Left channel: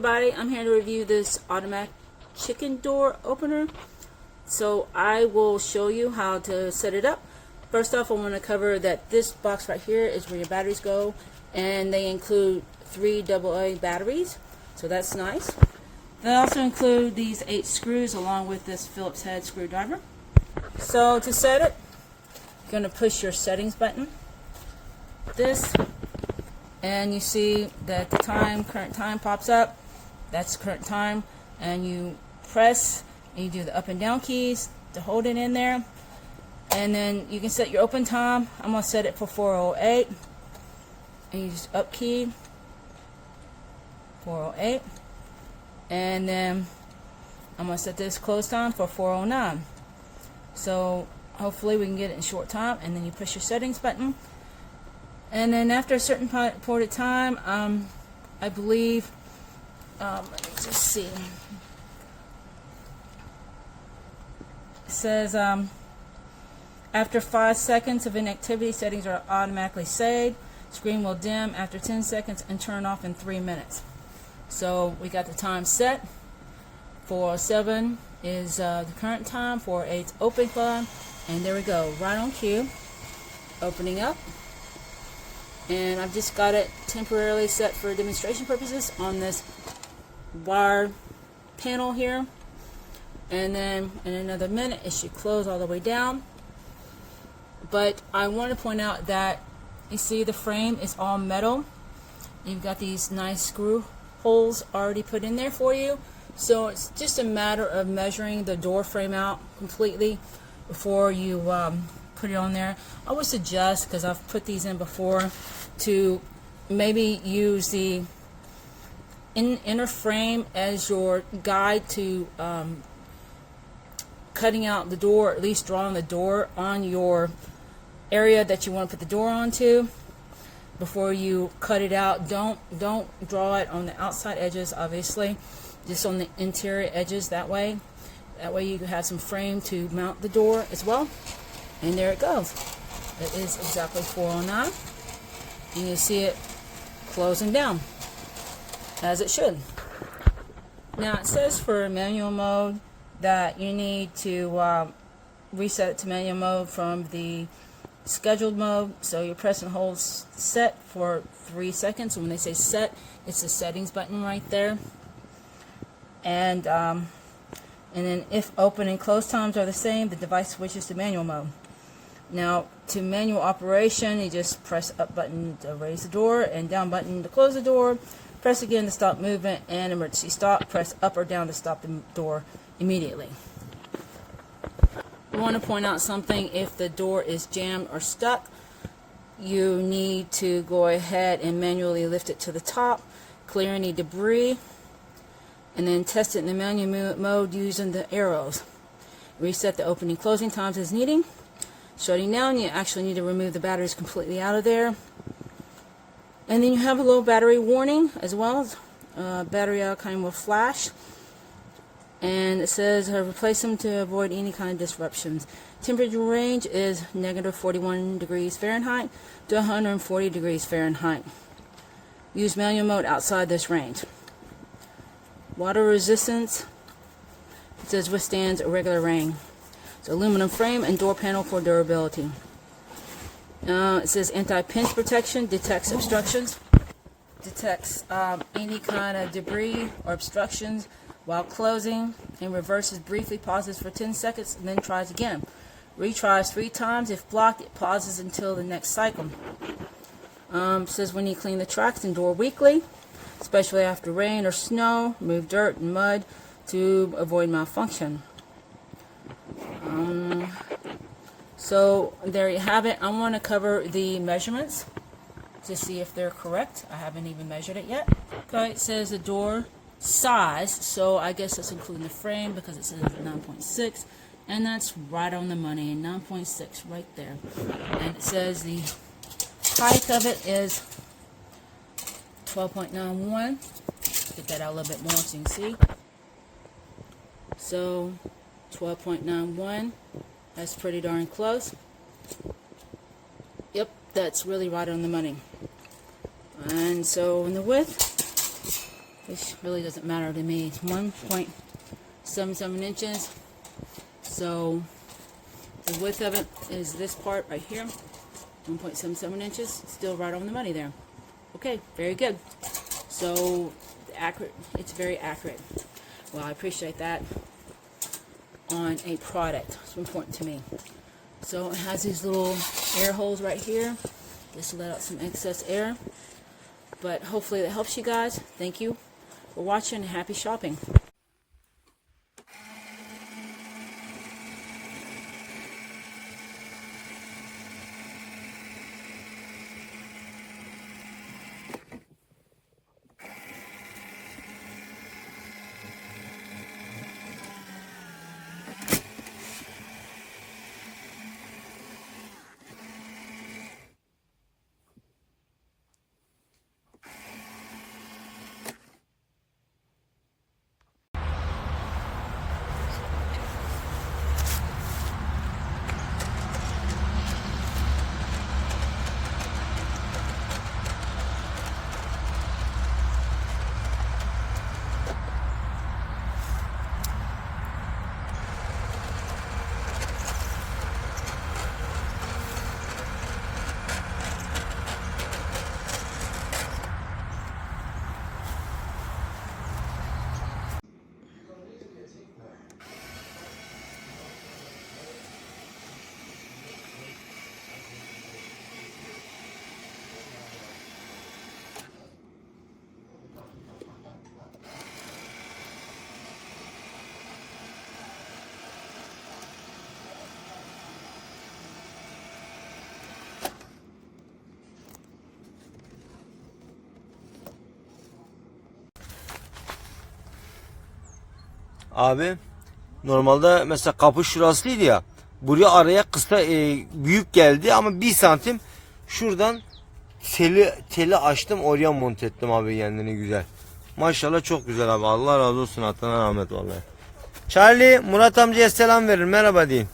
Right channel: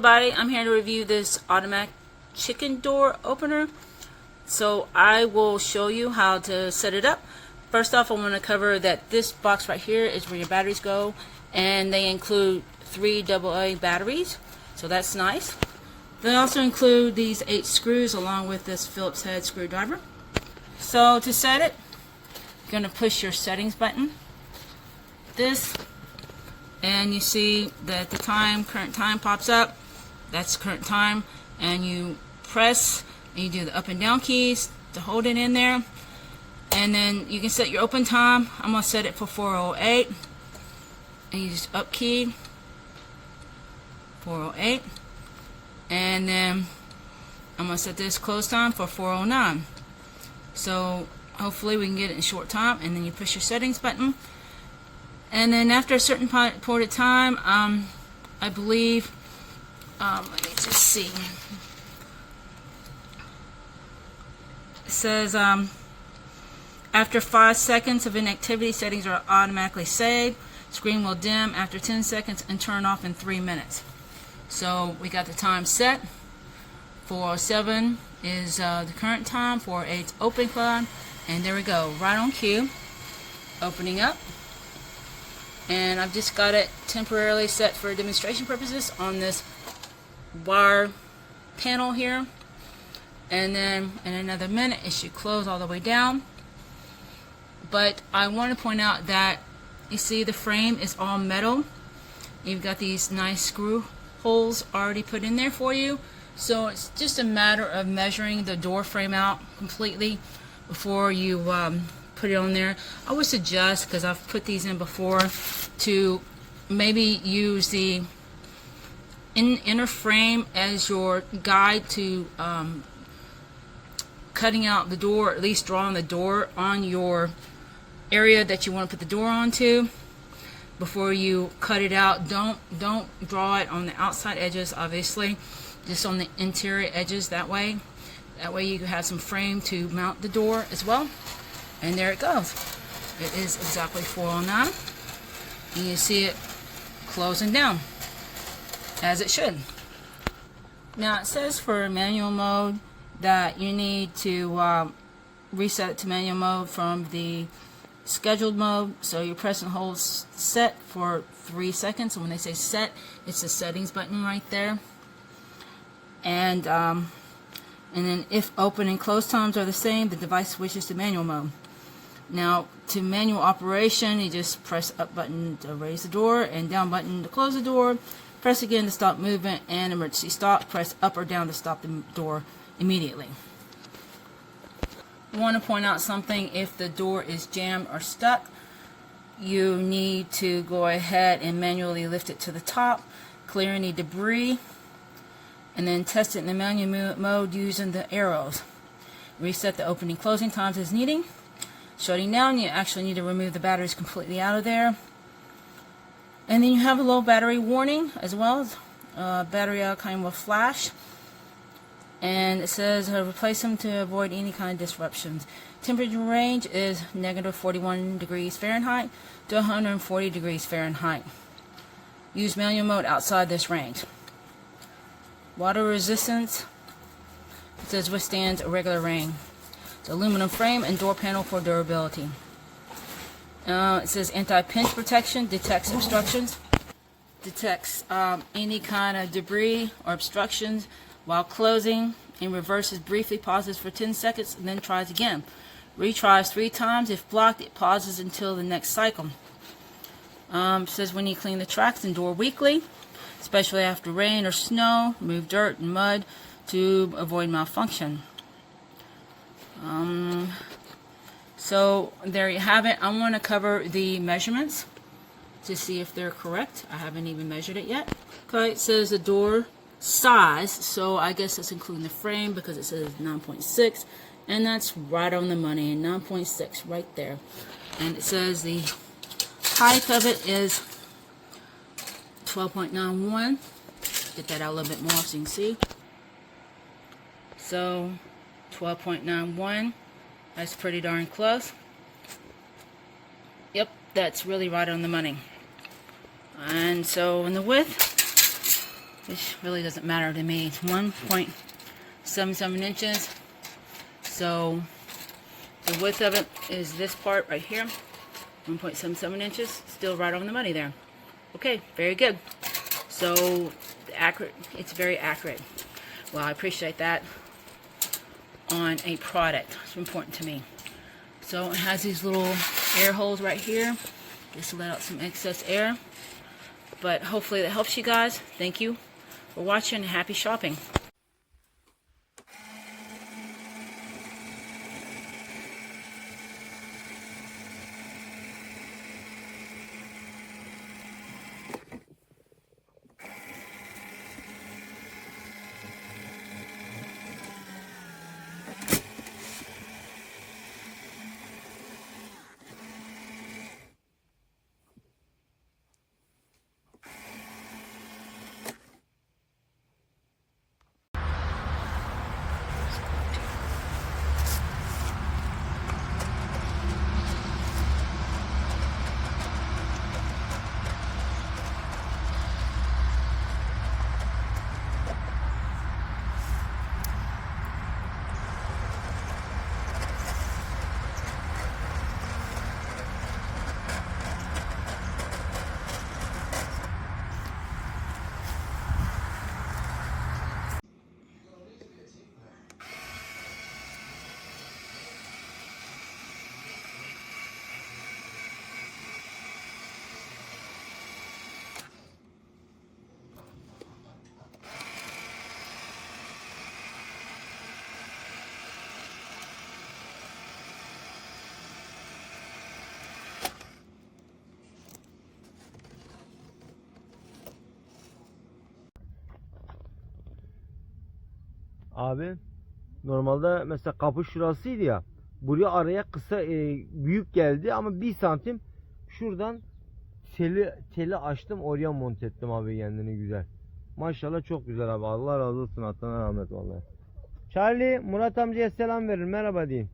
everybody, I'm here to review this automatic chicken door opener. So I will show you how to set it up. First off, I want to cover that this box right here is where your batteries go, and they include 3 AA batteries, so that's nice. They also include these 8 screws along with this Phillips head screwdriver. So to set it, you're going to push your settings button, this, and you see that the current time pops up. That's current time, and you press and you do the up and down keys to hold it in there, and then you can set your open time. I'm going to set it for 4:08, and you just up key 4:08, and then I'm going to set this close time for 4:09. So hopefully we can get it in short time, and then you push your settings button. And then after a certain point of time, I believe, let me just see. It says, after 5 seconds of inactivity, settings are automatically saved. Screen will dim after 10 seconds and turn off in 3 minutes. So we got the time set. 4:07 is the current time. 4:08 is open time. And there we go, right on cue. Opening up. And I've just got it temporarily set for demonstration purposes on this wire panel here, and then in another minute it should close all the way down. But I want to point out that you see the frame is all metal. You've got these nice screw holes already put in there for you, so it's just a matter of measuring the door frame out completely before you put it on there. I would suggest, because I've put these in before, to maybe use the inner frame as your guide to cutting out the door, or at least drawing the door on your area that you want to put the door onto before you cut it out. Don't draw it on the outside edges, obviously, just on the interior edges. That way you can have some frame to mount the door as well. And there it goes. It is exactly 4:09, and you see it closing down as it should. Now it says for manual mode that you need to reset it to manual mode from the scheduled mode. So you press and hold set for 3 seconds, and when they say set, it's the settings button right there. And then if open and close times are the same, the device switches to manual mode. Now, to manual operation, you just press up button to raise the door and down button to close the door. Press again to stop movement, and emergency stop. Press up or down to stop the door immediately. I want to point out something. If the door is jammed or stuck, you need to go ahead and manually lift it to the top, clear any debris, and then test it in the manual mode using the arrows. Reset the opening closing times as needed. Shutting down, you actually need to remove the batteries completely out of there. And then you have a low battery warning as well. Battery kind will flash. And it says replace them to avoid any kind of disruptions. Temperature range is -41 degrees Fahrenheit to 140 degrees Fahrenheit. Use manual mode outside this range. Water resistance, it says withstands irregular rain. It's aluminum frame and door panel for durability. It says anti-pinch protection, detects obstructions, detects any kind of debris or obstructions while closing, and reverses briefly, pauses for 10 seconds, and then tries again. Retries 3 times. If blocked, it pauses until the next cycle. It says when you clean the tracks and door weekly, especially after rain or snow, remove dirt and mud to avoid malfunction. So there you have it. I want to cover the measurements to see if they're correct. I haven't even measured it yet. Okay, it says the door size, so I guess it's including the frame because it says 9.6, and that's right on the money. 9.6 right there. And it says the height of it is 12.91. Get that out a little bit more so you can see. So 12.91, that's pretty darn close. Yep, that's really right on the money. And so in the width, which really doesn't matter to me. It's 1.77 inches. So the width of it is this part right here, 1.77 inches. Still right on the money there. Okay, very good. So accurate, it's very accurate. Well, I appreciate that on a product. It's important to me. So it has these little air holes right here, just to let out some excess air. But hopefully that helps you guys. Thank you for watching and happy shopping. Abi normalde mesela kapı şurasıydı ya, buraya araya kısa büyük geldi ama 1 santim şuradan teli açtım, oraya monte ettim abi, kendini güzel. Maşallah çok güzel abi, Allah razı olsun, atana rahmet vallahi. Charlie, Murat amcaya selam verin, merhaba deyin.